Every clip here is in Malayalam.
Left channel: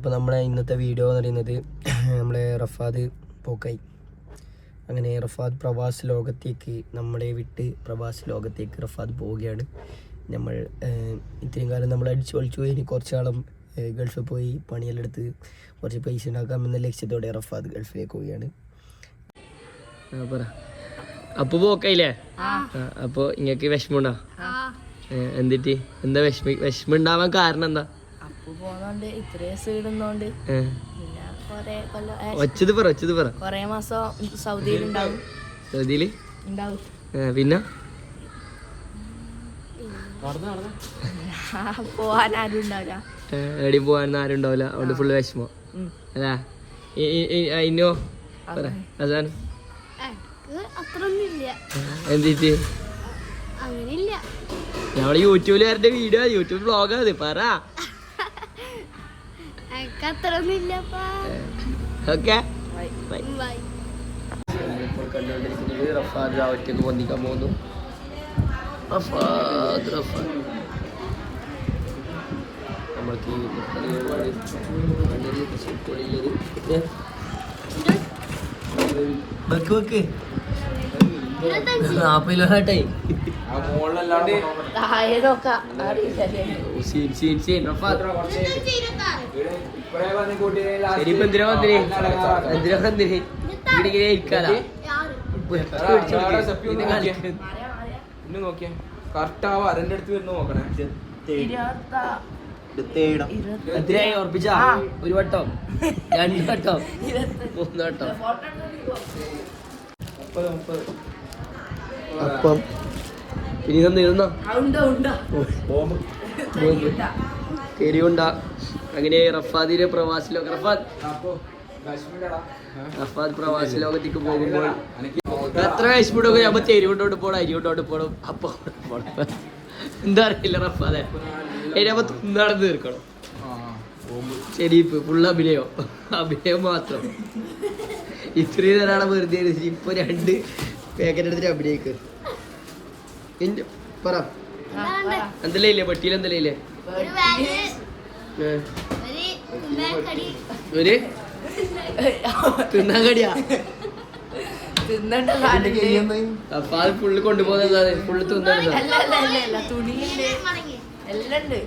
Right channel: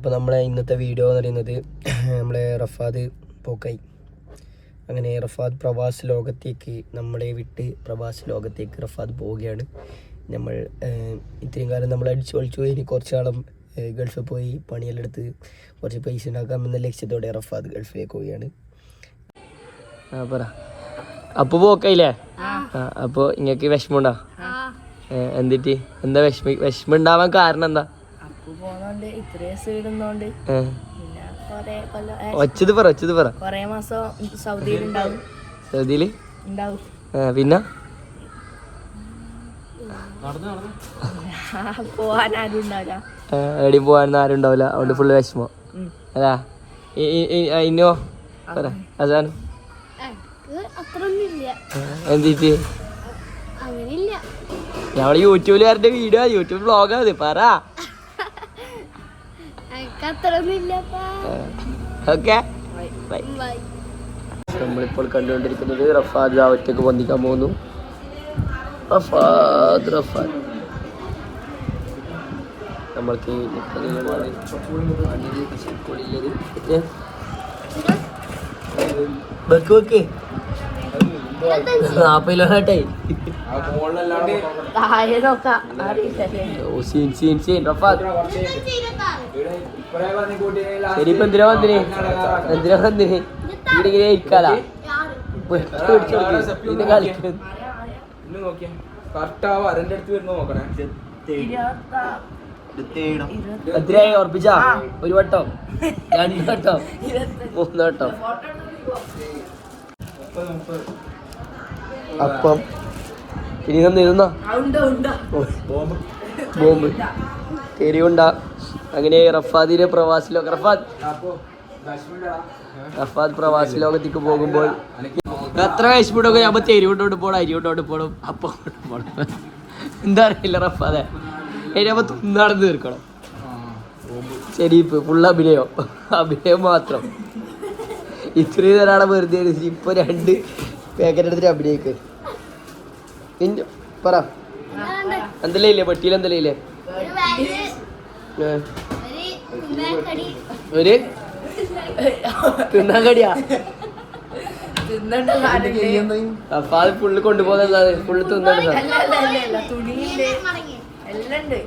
അപ്പോൾ നമ്മളെ ഇന്നത്തെ വീഡിയോ എന്ന് പറയുന്നത് നമ്മളെ റഫാദ് പോക്കായി. അങ്ങനെ റഫാദ് പ്രവാസ് ലോകത്തേക്ക് നമ്മളെ വിട്ട് പ്രവാസ് ലോകത്തേക്ക് റഫാദ് പോവുകയാണ്. നമ്മൾ ഇത്രയും കാലം നമ്മൾ അടിച്ചു പൊളിച്ചു ഇനി കുറച്ച് കാലം ഗൾഫിൽ പോയി പണിയെല്ലാം എടുത്ത് കുറച്ച് പൈസ ഉണ്ടാക്കാം എന്ന ലക്ഷ്യത്തോടെ റഫാദ് ഗൾഫിലേക്ക് പോവുകയാണ്. ആ പറ. അപ്പൊ പോക്കായില്ലേ? അപ്പോൾ ഇങ്ങക്ക് വിഷമമുണ്ടോ? എന്നിട്ട് എന്താ വിഷമ വിഷമം ഉണ്ടാവാൻ കാരണം എന്താ? അപ്പു പോന്നോണ്ട് ഇത്രയും സീടുന്നോണ്ട് ഏ, പിന്നെ കൊറേ കൊല്ലം ഒച്ചത് പറ ഒച്ചത് പറ. കൊറേ മാസം സൗദിയിൽ ഉണ്ടാവും. സൗദിയിൽ? ഉണ്ടാവും. ഏ, പിന്നെ? പോവാൻ ആരും ഉണ്ടാവില്ല. എവിടെയും പോകാനൊന്നും ആരും ഉണ്ടാവില്ല. അതുകൊണ്ട് ഫുള്ള് വിഷമോ. അതാ. ഇന്നോ? പറ അതാണ്. എന്തിട്ട് അങ്ങനെയില്ല. യൂട്യൂബിൽ യൂട്യൂബിലുകാരുടെ വീഡിയോ യൂട്യൂബ് വ്ളോഗാ അത്. പറ. ഓക്കെ. ബൈ. ബൈ. നമ്മളിപ്പോൾ കണ്ടുകൊണ്ടിരിക്കുന്നത് റഫാദ് ഒറ്റയ്ക്ക് പൊന്തിക്കാൻ പോകുന്നു. റഫാദ് റഫാദ്. നമ്മൾക്ക്? വെക്ക് വെക്ക്. Scene scene scene Rafad? ശരി ഇപ്പൊ എന്തിനാ വന്നിന്? എന്തിനാ വന്നിന്? ഇവിടെ ഇങ്ങനെ ഇരിക്കാലാ? പിടിച്ചു കൊടുക്ക്. ഇത് കളിക്കുന്നത് കറക്റ്റ് ആ വരന്റെ അടുത്ത് വരുന്ന നോക്കണേ. എത്രയായി ഒരു വട്ടം. രണ്ട് വട്ടം. മൂന്ന് വട്ടം. അപ്പം ഇനി ഇതൊന്നും ഇരുന്ന ബോംബ്. തെരിയുണ്ട അങ്ങനെ റഫാദിന്റെ പ്രവാസി ലോക റഫാദ് റഫാദ് പ്രവാസി ലോകത്തേക്ക് പോകുമ്പോൾ എത്ര വിഷമിട്ടൊക്കെ നമ്മൾ തെരുവിട്ടോട്ട് പോണം അരിവിട്ടോട്ട് പോണം. അപ്പൊ. എന്താ അറിയില്ല റഫാദെ. അതിനപ്പോ തുന്നാടന്ന് തീർക്കണം. ശരിപ്പ് ഫുൾ അഭിനയം. അഭിനയം മാത്രം. ഇത്രയും നേരാണ് വെറുതെ ഇപ്പൊ രണ്ട് പാക്കറ്റ് എടുത്തിട്ട് അഭിനയിക്ക്. പറ. എന്തല്ലേ ഇല്ലേ പെട്ടിയിൽ എന്തല്ലേ ഒരു തിന്നാൻ കടിയാ? തിന്നണ്ട അപ്പൊ അത് ഫുള്ള് കൊണ്ടുപോകുന്നത് ഫുള്ള് തിന്നാണ് സാർ അല്ല അല്ല അല്ല അല്ല. തുണിയുണ്ട് എല്ലാം ഉണ്ട്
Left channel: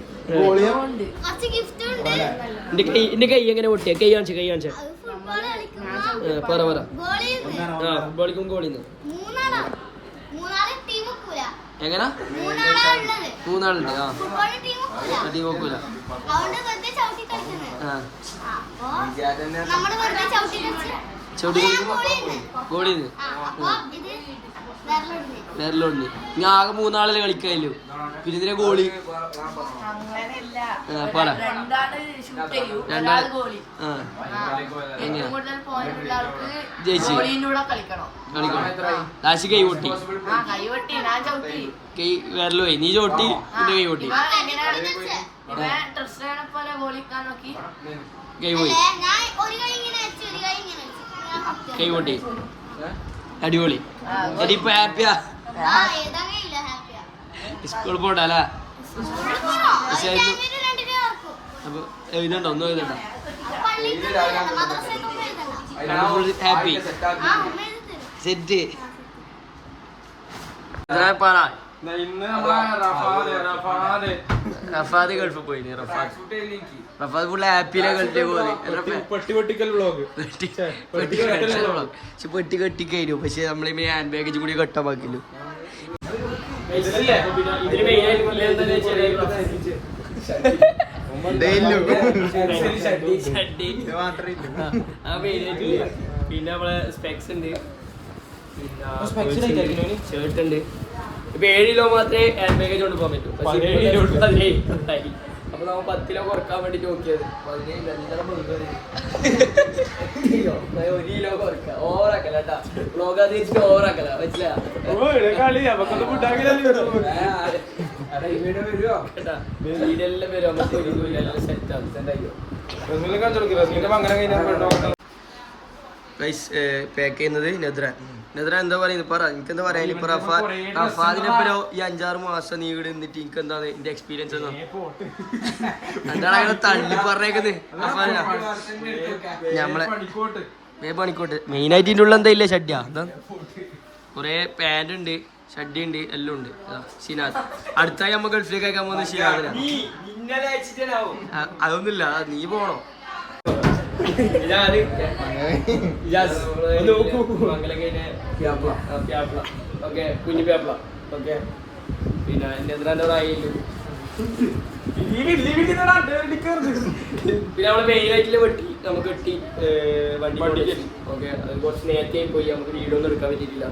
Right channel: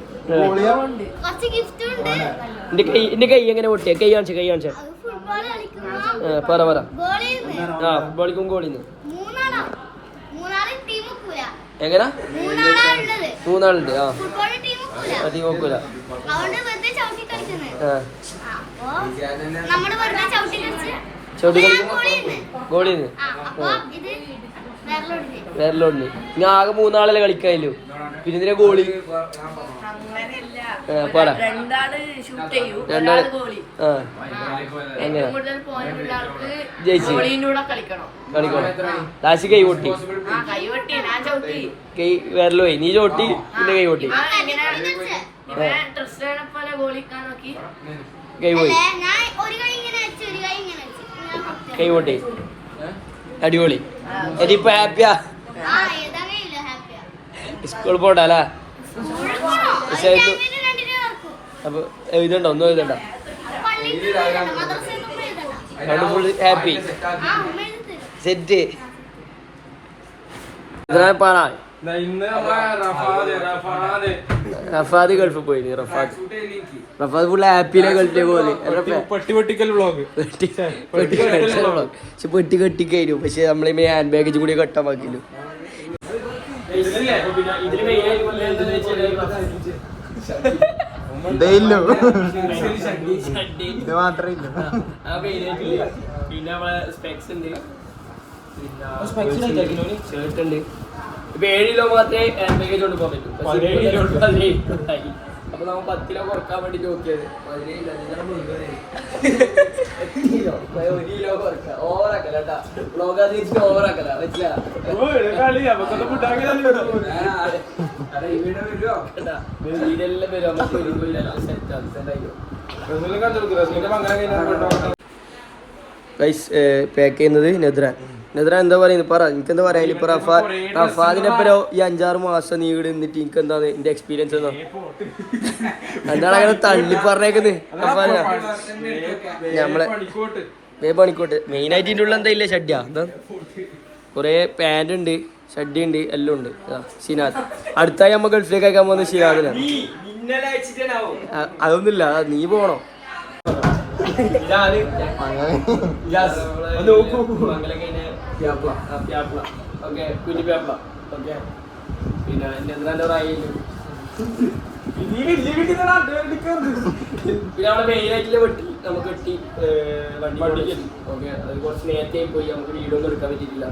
ഉണ്ട് കുറച്ച് ഉണ്ട്. എന്റെ കൈ എന്റെ കൈ എങ്ങനെ പൊട്ടിയ? കൈ കാണിച്ച കൈ കാണിച്ച. പറ പറ. ആ ഫുട്ബോളിക്കും ഗോളിന്ന്. എങ്ങനെ? മൂന്നാളുണ്ട് ആ. അതി നോക്കൂല ചവിട്ടി കളിക്കുമ്പോ. ഗോളിന്ന് വേറെല്ലോണ്ട് ഞാൻ ആകെ മൂന്നാളല്ലേ കളിക്കാനില്ലോ. പിന്നെ ഇതിനെ ഗോളി. പാടാ. രണ്ടാൾ ആ. എങ്ങനെ? ജയിച്ചു. കളിക്കണം. കൈ പൊട്ടി. ആ കൈവട്ടി ഞാൻ ചവിട്ടി. കൈ വേറല്ലോ നീ ചോട്ടി പിന്നെ കൈ പൊട്ടി. കൈ പോയി. ഞാൻ ഒരു കൈ ഇങ്ങനെ വെച്ച് ഒരു കൈ ഇങ്ങനെ വെച്ച്. ഞാൻ പൊട്ടി. കൈ പൊട്ടി. അടിപൊളി. ഇപ്പൊ ഹാപ്പിയാ? സ്കൂളിൽ പോണ്ടല്ലേ? അപ്പൊ എഴുതണ്ട ഒന്നും എഴുതണ്ട. ഹാപ്പി. സെറ്റ്. പാടാ. നമ്മളെ റഫാദ് ഗൾഫ് റഫാദ് ഗൾഫിൽ പോയി റഫാദ് റഫാദ്. ഫുൾ ആപ്പിലെ പെട്ടി കെട്ടണം. പക്ഷെ പെട്ടി കെട്ടി കഴിഞ്ഞു പക്ഷെ നമ്മളെ ഹാൻഡ് ബാഗേജ് കൂടി കെട്ടാൻ ബാക്കിയില്ല പിന്നെ നമ്മളെ സ്പെക്സ് ഉണ്ട്. ഷർട്ട് ഉണ്ട്. ഇപ്പൊ ഏഴ് കിലോ മാത്രമേ ഹാൻഡ് ബാഗേജ് കൊണ്ട് പോകാൻ പറ്റൂ. അപ്പൊ നമ്മൾ പത്ത് കിലോ കുറയ്ക്കാൻ വേണ്ടി നോക്കിയത്. ഓവറാക്കല്ലോ ഒരു കിലോ കുറക്കാം. ഓവറാക്കല കേട്ടാ. ബ്ലോഗ് അത് വെച്ചിട്ട് ഓവറാക്കല സെറ്റ് ആണ് സെറ്റ് ആക്കി റസൂലിനെ കാണിച്ചു കൊടുക്ക് റസൂലിന്റെ പങ്കരം കഴിഞ്ഞാൽ ഗൈസ് പാക്ക് ചെയ്യുന്നത് നെദ്രാൻ നെദ്രാൻ എന്താ പറയുന്നത് പറ എനിക്ക് എന്താ പറയാ ഇപ്പൊ റഫാ റഫാദിന്റെ ഒപ്പം ഈ അഞ്ചാറ് മാസം നീ ഇവിടെ നിന്നിട്ട് എനിക്ക് എന്താണ് എന്റെ എക്സ്പീരിയൻസ് എന്താ എന്താണ് അങ്ങനെ തള്ളി പറഞ്ഞേക്കുന്നത്? റഫാദിന ഞമ്മളെ വേ പണിക്കോട്ടെ. മെയിൻ ആയിട്ട് ഇതിന്റെ ഉള്ള എന്താ ഇല്ല? ഷഡ്യ എന്താ? കുറേ പാന്റ് ഉണ്ട് ഷഡ്ഡി ഉണ്ട് എല്ലാം ഉണ്ട്. ഷിനാദ്. അടുത്തായി നമ്മ ഗൾഫിലേക്ക് അയക്കാൻ പോകുന്നത് ഷിനാദിനാണ്. അ- അതൊന്നുമില്ല. നീ പോണോ? ഇതാണ്. നോക്കൂ. ഓക്കെ കുഞ്ഞു പേപ്പ ഓക്കെ പിന്നെ എന്താ പിന്നെ നമ്മളെ മെയിൻ വെട്ടി നമുക്ക് വെട്ടി ഏഹ്, വണ്ടി ഓക്കെ അത് കുറച്ച് നേരത്തെ പോയി നമുക്ക് വീഡിയോ ഒന്നും എടുക്കാൻ പറ്റിയിട്ടില്ല.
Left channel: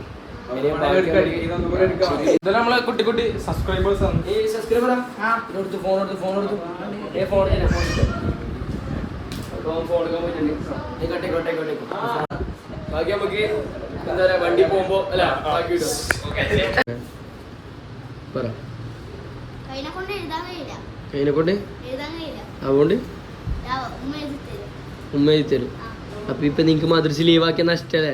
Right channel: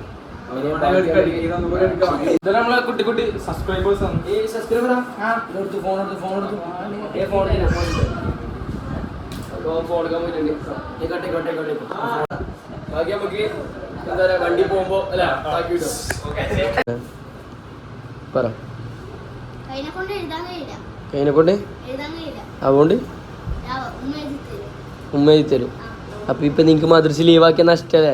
നമ്മളെ കുട്ടി കുട്ടി സബ്സ്ക്രൈബേഴ്സ് ആണ്. ഏയ് സബ്സ്ക്രൈബറാ ഫോൺ എടുത്തു ഫോൺ എടുത്തു. ഫോൺ ഫോൺ കട്ടെ കട്ടെ കട്ടെ. ബാക്കി നമുക്ക് എന്താ പറയാ വണ്ടി പോകുമ്പോ അല്ല ബാക്കി പറ. അതുകൊണ്ട്? ഉമ്മ എഴുതി തരും. അപ്പൊ ഇപ്പൊ നിങ്ങക്ക് മദ്രസ ലീവാക്കിയ നഷ്ടല്ലേ?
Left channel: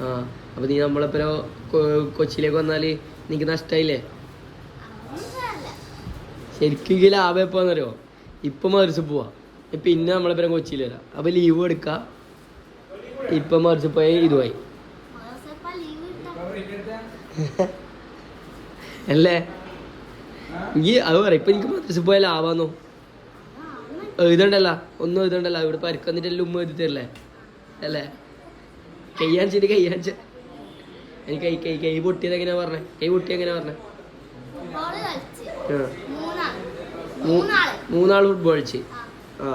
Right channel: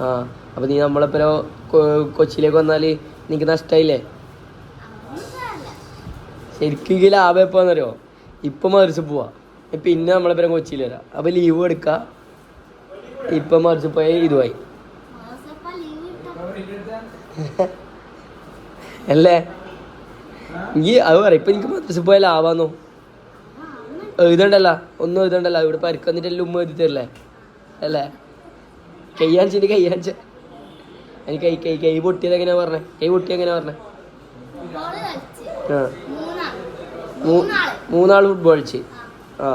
ആ. അപ്പൊ നീ നമ്മളെപ്പോ കൊച്ചിയിലേക്ക് വന്നാൽ നിനക്ക് നഷ്ടായില്ലേ? ശരിക്കും ലാഭം എപ്പോന്നറിയോ ഇപ്പൊ മദ്രസ പോവാ. പിന്നെ നമ്മളെപ്പോ കൊച്ചിയിൽ വരാം. അപ്പൊ ലീവ് എടുക്ക. ഇപ്പൊ മറിച്ച് പോയ ഇതുമായി അല്ലേ? ഈ അത് പറയാം ഇപ്പൊ എനിക്ക് മദ്രസ പോയ ലാവാന്നോ എഴുതണ്ടല്ല? ഒന്നും എഴുതണ്ടല്ല? ഇവിടെ പരിക്കന്നിട്ടെല്ലാം ഉമ്മ എഴുതി തരില്ലേ? അല്ലേ? കയ്യാണിച്ചിട്ട് കയ്യാണിച്ച എനിക്ക് കൈ കൈ കൈ പൊട്ടിയത് എങ്ങനെയാ പറഞ്ഞേ? കൈ പൊട്ടി എങ്ങനെയാ പറഞ്ഞേ? ആ. മൂന്നാൾ. മൂന്നാൾ ഫുട്ബോൾ കളിച്ച്. ആ.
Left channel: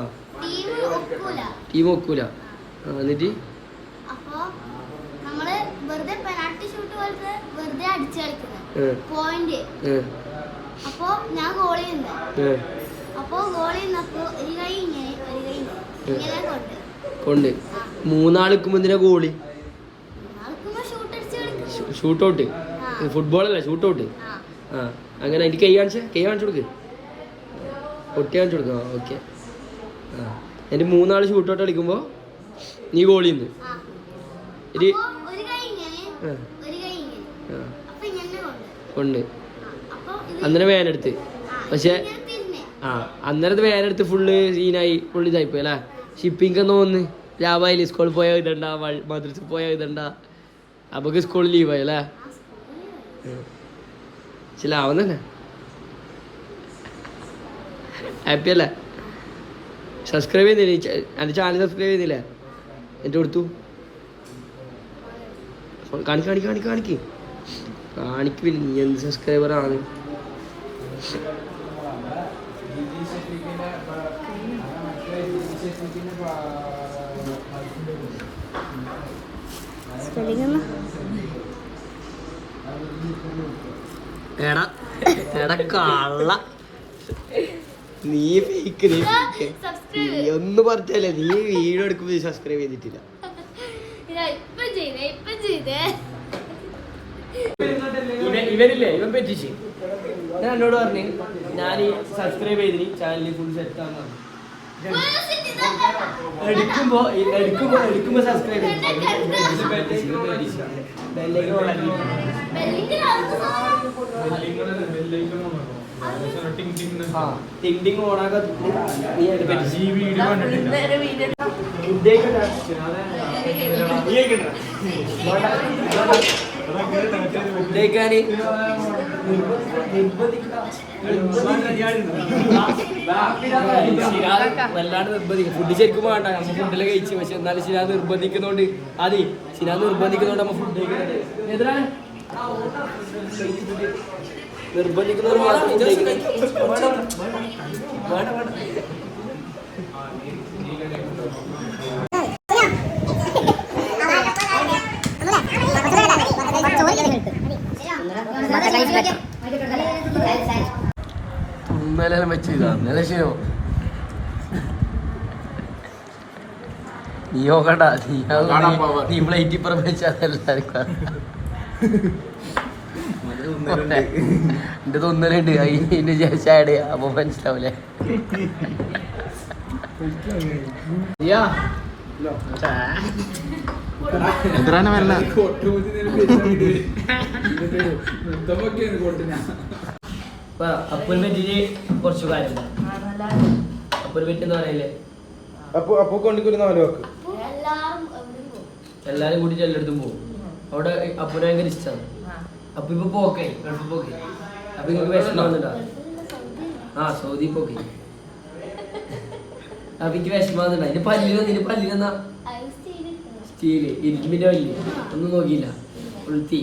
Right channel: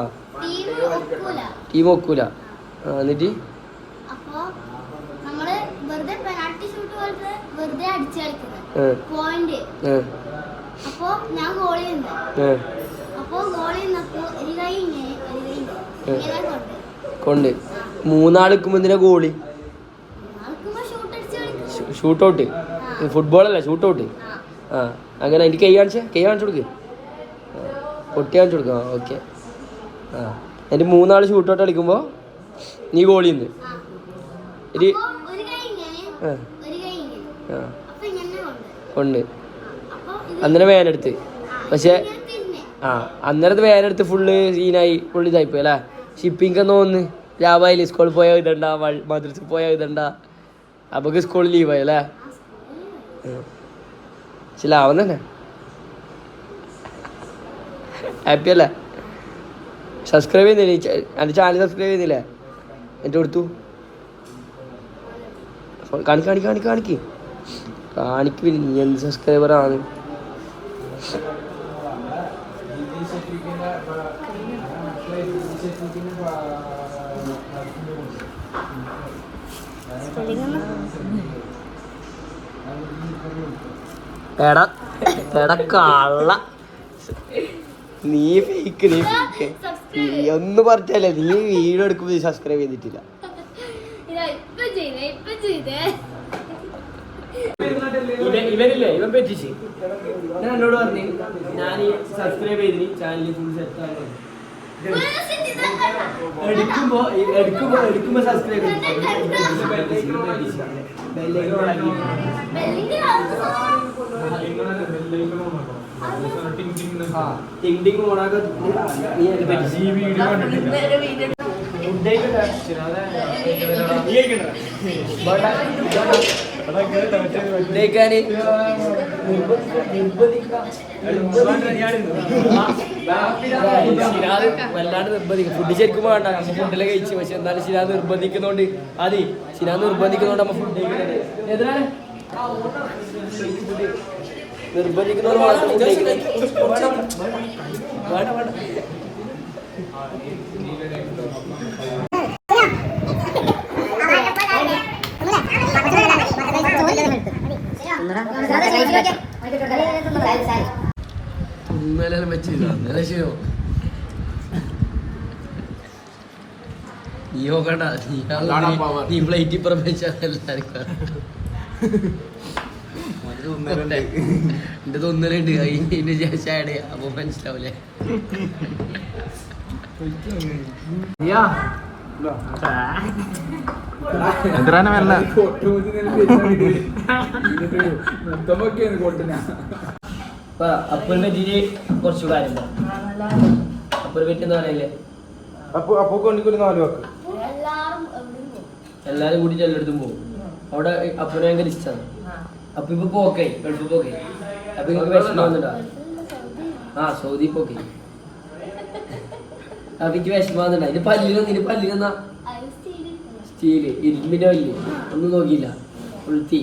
ടീം ഒക്കൂല. എന്നിട്ട്? അപ്പൊ ഞാൻ ഗോളി നിന്ന്. അപ്പൊ ഗോളി നിന്നപ്പോ ഒരു കൈ ഇങ്ങനെ ഒരു കൈ ഇങ്ങനെ. ഇങ്ങനെ കൊണ്ട്. കൊണ്ട്. മൂന്നാളിക്കുമ്പോ എന്തിനാ ഗോളി ഷൂട്ട് ഔട്ട് ഫുട്ബോൾ അല്ല ഷൂട്ട് ഔട്ട് ആ. ആ. അങ്ങനെ എനിക്ക് കൈ കാണിച്ചേ? കൈ കാണിച്ചു കൊടുക്ക്. പൊട്ടി കാണിച്ചു കൊടുക്കാം. ഓക്കെ. ആ. എന്റെ മൂന്നാൾ ഷൂട്ട് ഔട്ട് കളിക്കുമ്പോൾ നീ ഗോളി ഉണ്ട് ഉണ്ട് അന്നേരം വേനെടുത്ത് പക്ഷേ ആ അന്നേരത്ത് വേനെടുത്ത് ഫുള്ള് സീനായി ഫുള്ള് ഇതായിപ്പോയി അല്ലേ? ഷിപ്പിംഗ് എന്ന് തോന്നുന്നു ലാഭായില്ലേ സ്കൂളിൽ പോയാൽ ഇതണ്ട മദ്രസ പോയാൽ ഇതണ്ട അപ്പൊക്ക് സ്കൂളിൽ ലീവായി അല്ലേ? ആ സ്കൂളിൽ പക്ഷെ തന്നെ. ഹാപ്പി അല്ലേ? സബ്സ്ക്രൈബ് ചെയ്തില്ലേ? എന്റെ ചാനൽ സബ്സ്ക്രൈബ് ചെയ്തില്ലേ? എന്റെ കൊടുത്തു. കാണിക്ക് കാണിക്ക് കാണിക്ക് കാണിക്ക്. കാണിക്ക് പിന്നെ നീ എന്ത് സബ്സ്ക്രൈബർ ആണ്? എടാ എടാ കള്ള. നീ ഫേക്ക് നീ ഫേക്ക് നീ ഒന്ന് പറഞ്ഞല്ലേ നീ വീഡിയോ എടുക്കുമ്പോ സബ്സ്ക്രൈബ് ചെയ്തിട്ടില്ല. ഇതാ ഇപ്പൊ ചെയ്തേ ഇപ്പൊ ചെയ്തേ. ഇവരില്ലേ ഇവൻ പറ്റിച്ച്. ഞാൻ എന്നോട് പറഞ്ഞു ഞാൻ ഈ സബ്സ്ക്രൈബ് ചെയ്തിന് ചാനലിൽ ഫുൾ സെറ്റ് ആണ് എടുക്കുമ്പോ എടുക്കുമ്പോ എടുക്കുമ്പോ സബ്സ്ക്രൈബ് അല്ലെങ്കിൽ ടിങ് നീ ഈ വീഡിയോ കണ്ടിട്ടില്ല. വല്ലാണ്ട് നിർബന്ധിക്കും. ഫുഡ് ശരിക്കും വേണ്ട. നമ്മ ഫുഡിലെ കഴിച്ചു. പക്ഷെ എന്നാലും ശിരാ നിർബന്ധിക്കുന്നോണ്ട് അതെ ശിരാ നിർബന്ധിക്കുന്നോണ്ട് നമ്മ ഫുഡ് കഴിക്കുന്നത് മാത്രം വേണ്ട ഇന്നലെ വെച്ചില്ല ഇന്നലെ ചെയ്യോ നീ നോക്കണ്ട. നീ കാണാൻ പോവാ. നീ പ്ലേറ്റ് ഇപ്പുറം വെച്ചാൽ എല്ലാവർക്കും എന്റെ തോന്നലുണ്ട്. അതിന്റെ ശേഷം ആഡ് അപ്പൊ മനസ്സിലാവൂലേ? എന്തരാണ് അപ്പൊ കുറച്ച് കാര്യം പറയല്ലേ അപ്പൂ അപ്പൂ കൊണ്ടിക്കൊരു നാല് വാക്ക്. എല്ലാരും എവിടെയും പോകും. എല്ലാരും കൂടി എല്ലായിടത്തും പോകും. അവിടെ അപ്പുനെ ഭയങ്കര ഇഷ്ടമാണ് അപ്പൊ ഇപ്പൊ പോക്കായി ഗൾഫ് പോക്കായി അപ്പൊ നിങ്ങൾക്ക് വിഷമമാകുന്നുണ്ടോ ആ സൗദി പോക്കായി അപ്പൊ എനിക്ക് വിഷമമാകുന്നുണ്ടോ ഇതിന്റെ പല്ലിലെന്നാ ഐസ് ചെയ്തിരിക്കുന്നു സ്റ്റീൽ ഇരുമ്പിന്റെ പല്ല് ഒന്നും നോക്കിയില്ല. ഉൾത്തി.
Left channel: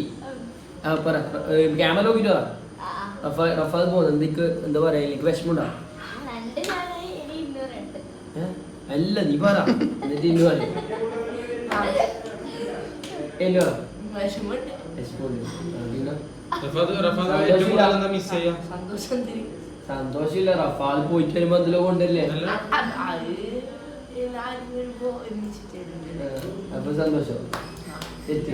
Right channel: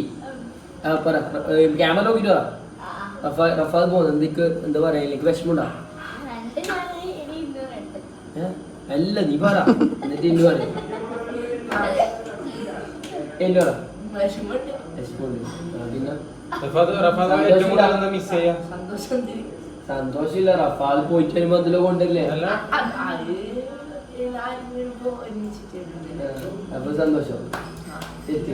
ആ പറ. ക്യാമറ നോക്കിട്ടോ റഫ റഫാ റഫാദ് പോകുന്നു എന്തൊക്കെ? എന്താ പറയാ? എനിക്ക് ഏ? അല്ല നീ പറ. എന്നിട്ട് ഇന്ന് പറയും. എല്ലു പറ. വിഷമമുണ്ട് വിഷമമുണ്ട്. ആ, പിന്നെ ഏറ്റവും കൂടുതൽ മിസ് ചെയ്യാ? സന്തോഷം തിരി സന്തോഷമില്ല റഫാൽ പോയിട്ട് വരുമ്പോ അതിലെ കൊണ്ടല്ലേ? അപ്പൊ സന്തോഷം? സെറ്റ്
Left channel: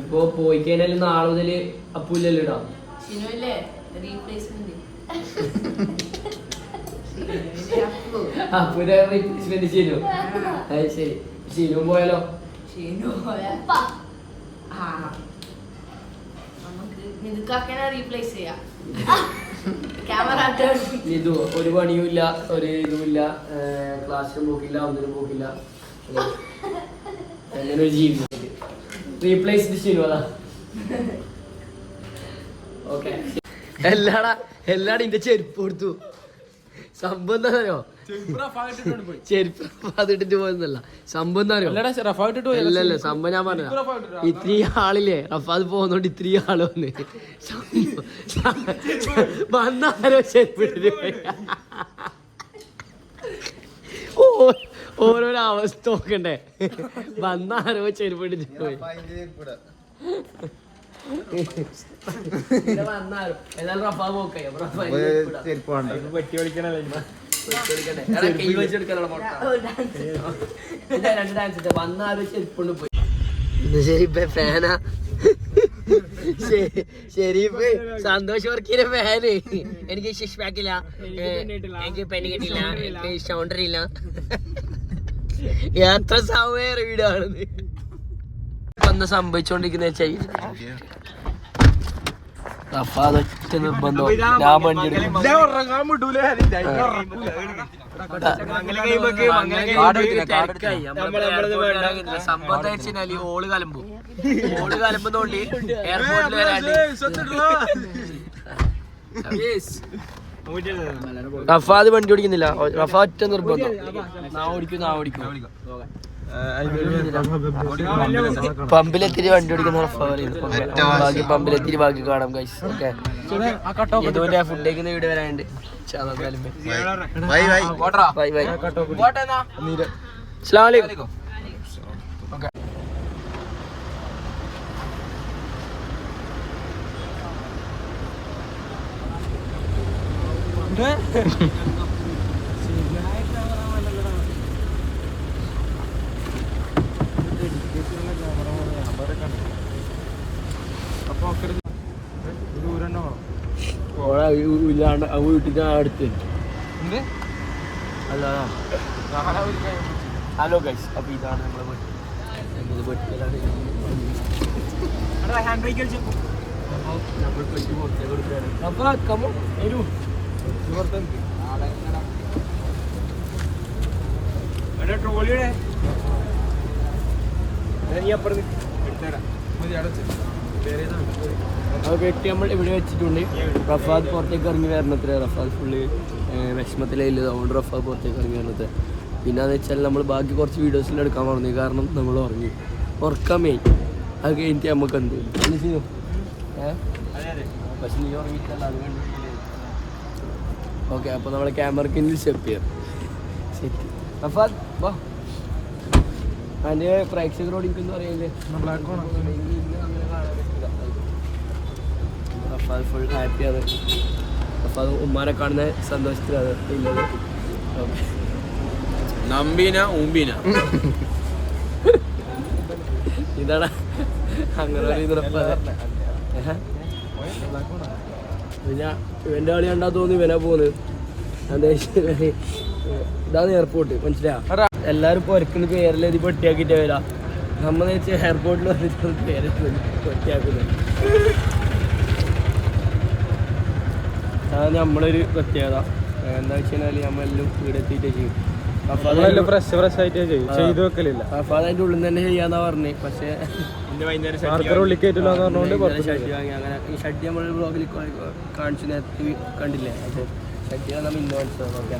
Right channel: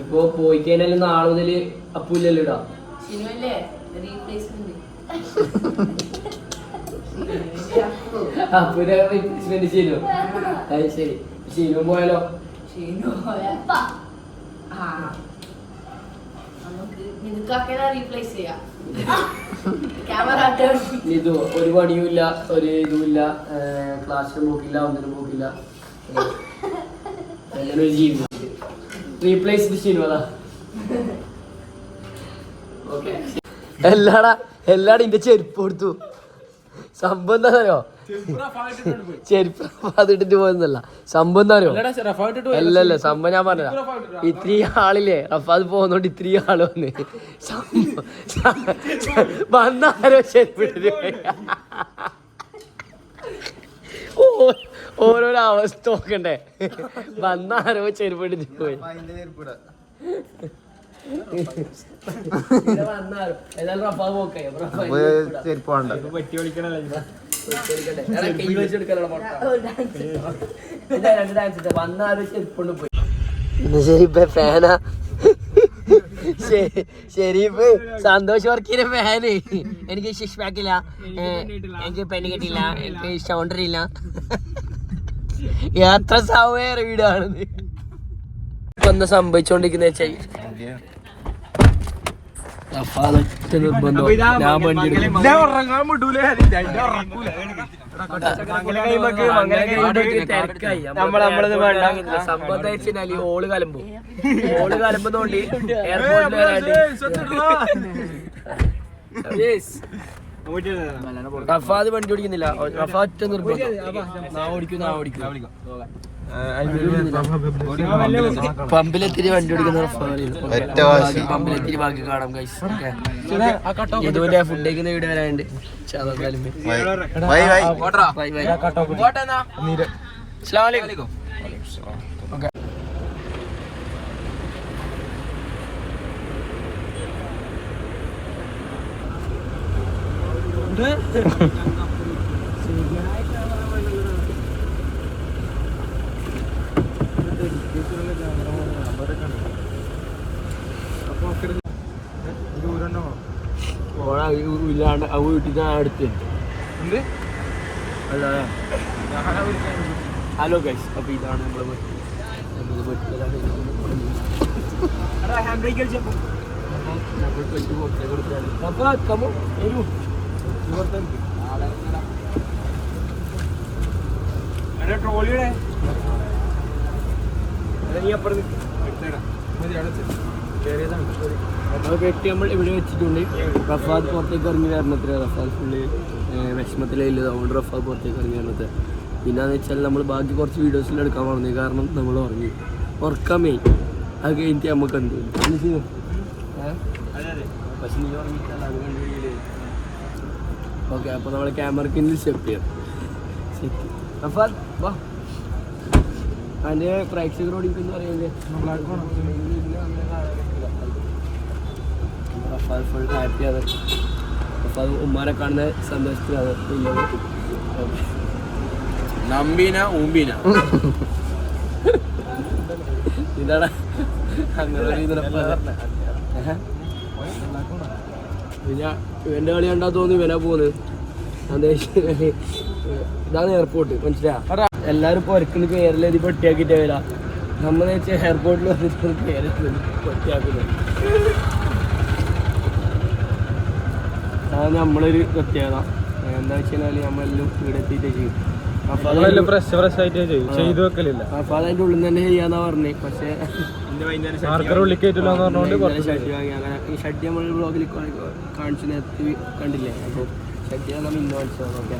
ഇപ്പൊ പോയി കഴിഞ്ഞാൽ നാളെ മുതൽ അപ്പൂല്ലല്ലോ ഇടാ. അപ്പൂരെ റീപ്ലേസ്മെന്റ് ചെയ്തു. അത് ശരി. ശീലം പോയാലോ? ഷീനു നമുക്ക് റീപ്ലേസ് ചെയ്യാം. ക്യാമറ ഇത് ഒരു പണിയുമില്ല ഒരു ഇതുമില്ല ക്ലാസ്സിലും പോക്കില്ല ഒന്നിനും പോക്കില്ല അങ്ങനെ ഒരു ജീവിതം റീപ്ലേസ് ചെയ്തു അതാ ഓക്കെ എല്ലാടാ എല്ലാടും ഇന്റെ ചെരുപ്പ് കൊടുത്തു. സംഭവം എന്താ അറിയോ ചെരുപ്പ് അതിട്ടിട്ട് പോകുന്നല്ല സംഭവം എന്താ അറിയോ? അല്ലല്ല സംഭവം ഞാൻ പറഞ്ഞ ഇത്രയും ആളില്ലേ? അപ്പൊ അത് പോകുന്നോണ്ട് ഇത്രയും ആൾ വന്ന്. വന്നാരോ ചെരുപ്പ് ഓരോരോ അവസ്ഥ നോക്കണ്ടേ. വന്നാരോ ചെരുപ്പിട്ട് പോയി. ചെരുപ്പ് വേണ്ട. ഫാനാ. ഷെരീഫ് സന്തോഷ് വർക്കിന്റെ ഫാന്. എനിക്ക് ഷിഷ് ബാക്കില്ല എനിക്ക് പെണ്ണ് കിട്ടില്ല. എനിക്ക് സൗണ്ടറിയില്ല ഇല്ല. യാത്ര സൗകര്യ വീടാണെന്ന് ഇപ്പൊ എന്താ സംഭവിച്ചോണ്ടിരിക്കുന്ന വെച്ചാൽ അപ്പൊ നിർബന്ധം. ഞാൻ വണ്ടി. എടുക്കും സംഭവം വെച്ചാൽ ഓൾ കലമ്പും. ഓൾ കലമ്പുന്നോണ്ട് എയർപോർട്ടിൽ വരാണ്ട്. റഫാദ് വണ്ടി ഓടിക്കുന്നില്ല. റഫാ ഒറ്റ നിർബന്ധം. നാ ഓടിക്കും നാ ഓടിക്കും. പമ്പിലെത്തിരി വണ്ടി ഓടിക്കുന്ന പമ്പിലെത്തിരി ബാക്കി കാണാം ഗൈസ് ഓക്കെ. ഇതുപോലെ ഫുഡ് കഴിക്കുന്ന വീട് വരാനുണ്ട്. ചാതാക്കാലും ബൈ. Bye bye. ബൈ അസ്സലാമു അലൈക്കും. ഓക്കെ. ഓളെ ഇല്ലാണ്ട് ആ വീട്ടിൽ ഞാൻ അടുത്ത് അല്ല ഹലോ ഗൈസ് അപ്പൊ ഇതാണ് ട്രോളിയുടെ ഇത്. വീട്ടിലാണ് മതി നമ്മൾ പെട്ടി പുറത്തേക്ക് കൊടുക്കുകയാണ് അപ്പൊ കമോ വരൂ. ട്രോളിയുടെ അത് വെട്ടി നമ്മൾ ഇവിടെ വെച്ചിട്ടുണ്ട്. റഫാദ് പുറത്തേക്ക് ഇറങ്ങി വരണത്ര. റഫാദ് ഫുള്ള് വിഷമത്തിലില്ല അതുകൊണ്ട് റഫാദ് പുറത്തേക്ക് ഇറങ്ങി വരണത്ര. പിന്നെ എന്ന് വെച്ചാൽ നമ്മൾ ബാക്കി കുറച്ച് വീഡിയോസിൽ എടുക്കാൻ പറഞ്ഞു. കാരണം നമ്മൾ ഉറങ്ങി. ഉറക്കാൻ മെയിൻ അത് കഴിഞ്ഞിട്ട് നമുക്ക് എന്ത് പക്ഷെ നീ ഉറങ്ങിയിട്ടല്ല. അത് കണ്ട് ഓക്കെ അപ്പോൾ നമ്മൾ ക്യാമറയ്ക്ക് സെറ്റ് ചെയ്യാം. സെറ്റ് റഫാദ് വാ. അതിന്റെ പ്രേക്ഷകരോട് എനിക്കൊന്നും അറിയില്ലേ റഫാൽ ഫുൾ ഹാപ്പിയാണ് റഫാദ് ഉമ്മാനെ കാണുന്ന സന്തോഷത്തിലാണ് ഉള്ളത്. നമ്പീന ഊമ്പീന. ഇതാണ് അങ്ങനെ ഇവന്റെ കളി കണ്ടാ തോന്നി ഇവനാ പോകുന്നത് ഇതാണ് എയർപോർട്ട് മനസ്സിലാ എല്ലാരും പൊരക്കുന്ന പേരിൽ ഇത് പൊട്ടിയാക്കിട്ടേ വരാം നമ്മൾ വെച്ചാൽ എയർപോർട്ടിൽ വന്നിട്ട് പേരുന്നത് പൊട്ടിയാക്കുന്നത് അതാണ് നമ്മളൊരു പ്രത്യേകത. എന്താ വെച്ച് കഴിഞ്ഞാൽ നമ്മളെല്ലാം ഇവിടെ എത്തിയിട്ട് ചെയ്യും. അപ്പൊ അതിന്റെ ഉള്ളിൽ തന്നെ ചെയ്യാന്നാ പറഞ്ഞു. പക്ഷേ ഷട്ടി വാങ്ങി. അങ്ങനെ ഈ ഷട്ടി നമ്മൾ ബ്ലോഗിൽ കാണിച്ചു നേരത്തെ കണ്ടില്ലേ? അപ്പോൾ ഷട്ടി നമ്മൾ ഇന്നോട്സ് ഓക്കെ.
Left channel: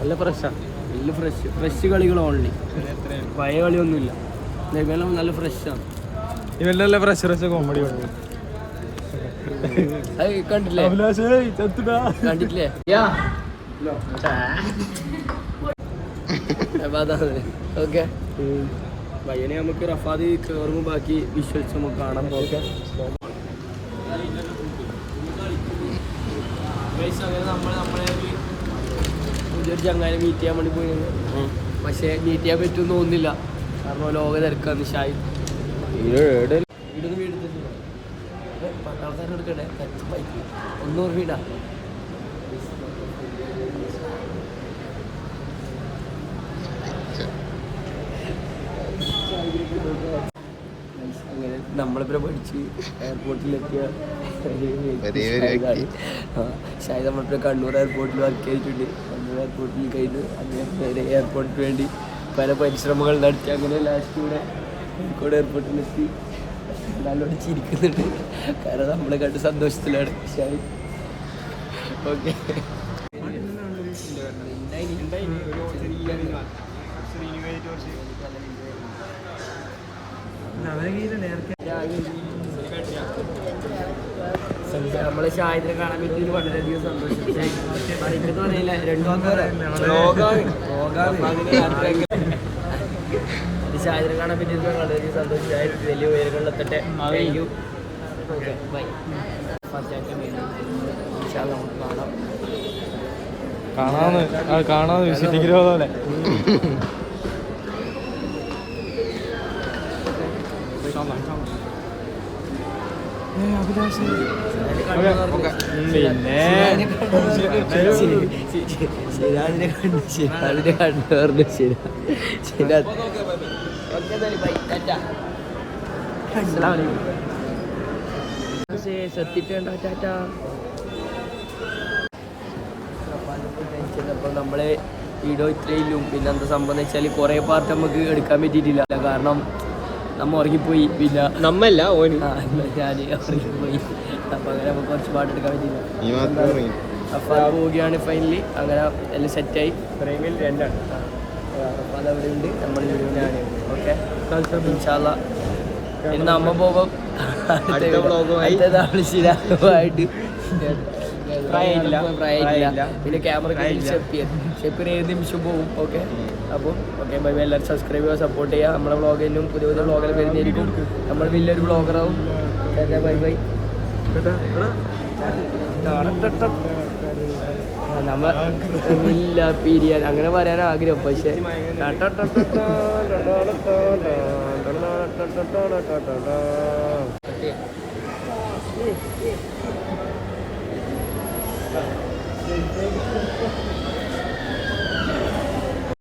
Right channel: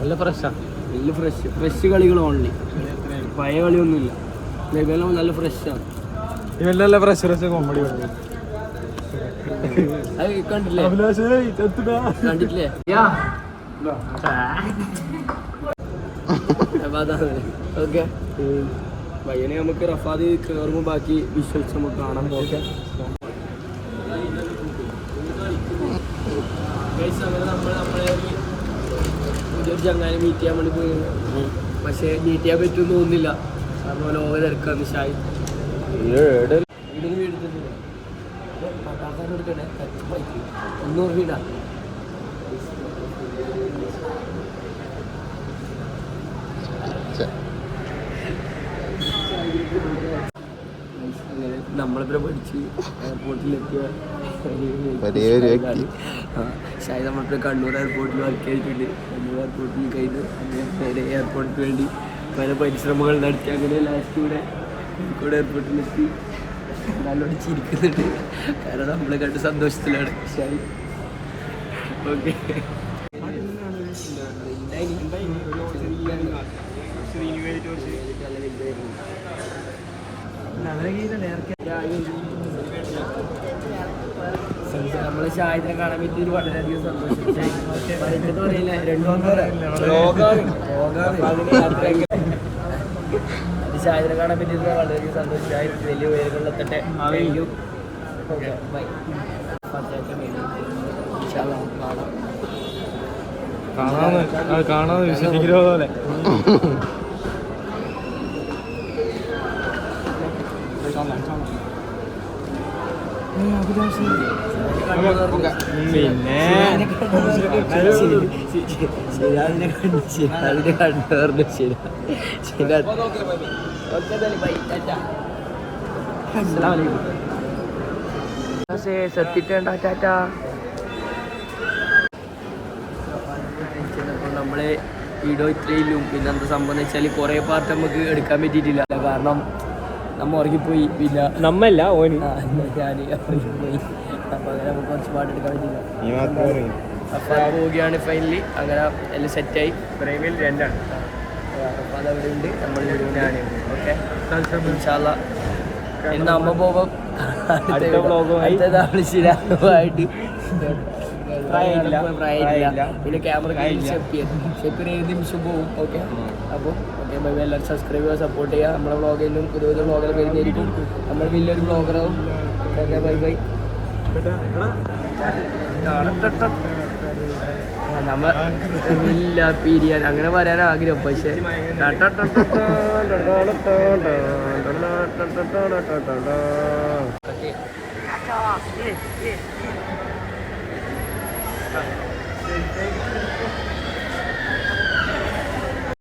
നല്ല ഫ്രഷാ നല്ല ഫ്രഷ് ഫ്രഷ് കളികൾ ഓൺലി പഴയ കളിയൊന്നുമില്ല. നല്ല നല്ല ഫ്രഷാണ് ഇവന്റെ നല്ല ഫ്രഷ് ഫ്രഷ് കോമഡി അത് കണ്ടില്ലേ കണ്ടിട്ടില്ലേ? ഓക്കെ. പയ്യനെ നമുക്ക് റഫാദി കയറുമ്പോൾ ബാക്കി വിശ്വസിച്ച് നമുക്ക് കാണാം. ഓക്കെ. നമ്മൾ നമ്മളെ പുതിയൊരു ചങ്ങാനെ മീറ്റ് ചെയ്യാൻ വേണ്ടി പോയി. പക്ഷേ മീറ്റ് ചെയ്യാൻ പറ്റുമെന്ന് തോന്നുന്നില്ല. കാരണം ലോക തിരക്കാണ് ഷായി വീടൊന്നും വീടെടുത്തിട്ടില്ല പട്ടാളക്കാരൻ എടുക്കണേ ബൈക്ക് ഒന്നൂറ് വീടാ അങ്ങനെ നമ്മളിവിടെ പഠിച്ച് എയർപോർട്ടിലെത്തിയ. ഷായത് നമ്മളിപ്പോൾ കണ്ണൂർ എയർപോർട്ടിൽ വർക്ക് ചെയ്തിട്ടുണ്ട്. കണ്ണൂർ എയർപോർട്ടിൽ കഴിഞ്ഞ് അദ്ദേഹം നേരെ എയർപോർട്ടിന് വേണ്ടി പല പരിശ്രമങ്ങൾ നടത്തി. അങ്ങനെ ലാസ്റ്റ് ഇവിടെ കോഴിക്കോട് എയർപോർട്ടിലെത്തി നല്ലോണം ചിരിക്കുന്നുണ്ട്. കാരണം നമ്മളെ കണ്ട് സന്തോഷത്തിലാണ്. ഷായി ഓക്കെ. നമ്മളെ ഷാഹിദിനെ കാണാൻ പറ്റിയത് വളരെയധികം സന്തോഷം പറയില്ല രണ്ടു അത് ഷാഹിദിനെ കാണാൻ പറ്റിയിരുന്ന വളരെയധികം സന്തോഷം ഷാഹിദ് വലിയ ഉയരങ്ങളിലെത്തട്ടെ. താങ്ക് യു ഓക്കെ ബൈ നമുക്ക് കാണാം. കാണാന്ന് വിശ്വസിക്കുന്ന പോലെ. ശരിയാതിനെ കണ്ടു ശരിയാതിനെ കണ്ടു ശരി ശരി സത്തിട്ടേണ്ട ടാറ്റ. നമ്മളെ വീഡിയോ ഇത്രയിലും പിന്നെ എന്താ സംഭവം വെച്ചാൽ കുറേ പാർട്ട് നമുക്ക് എടുക്കാൻ പറ്റിയിട്ടില്ല കാരണം നമ്മ ഉറങ്ങിപ്പോയി പിന്നെ നമ്മല്ല ഓന്. ഞാൻ ഉറങ്ങിപ്പോയി. അപ്പോൾ അങ്ങനെ നമുക്ക് കുറച്ച് പാട്ടെടുക്കാൻ പറ്റില്ല. അപ്പോൾ അത് പോവുകയാണ് ഫൈനലി അങ്ങനെ എല്ലാം സെറ്റായി പ്രേമിൽ രണ്ടാണ്. അപ്പൊ അതവിടെ ഉണ്ട്. നമ്മൾ വീഡിയോയിലാണ് ഓക്കെ. ഇൻഷാല്ല ഇന്ന് അമ്മ പോകും അടുത്ത vlog-ഉമായി. പ്രായമില്ല. പ്രായമില്ല. പിന്നെ ക്യാമറ ഷെപ്പീർ ഏത് നിമിഷം പോകും ഓക്കെ അപ്പോൾ ഓക്കെ ബൈ എല്ലാവരും സബ്സ്ക്രൈബ് ചെയ്യുക സപ്പോർട്ട് ചെയ്യുക. നമ്മുടെ വ്ളോഗിലും പുതിയ പുതിയ വ്ളോഗിൽ വരുന്നതായിരിക്കും. നമ്മൾ വലിയൊരു വ്ളോഗറാവും ബൈ ബൈ നമ്മ ഇല്ല പിരിയാൻ. അങ്ങനെ പറയാൻ ആഗ്രഹം പക്ഷെ.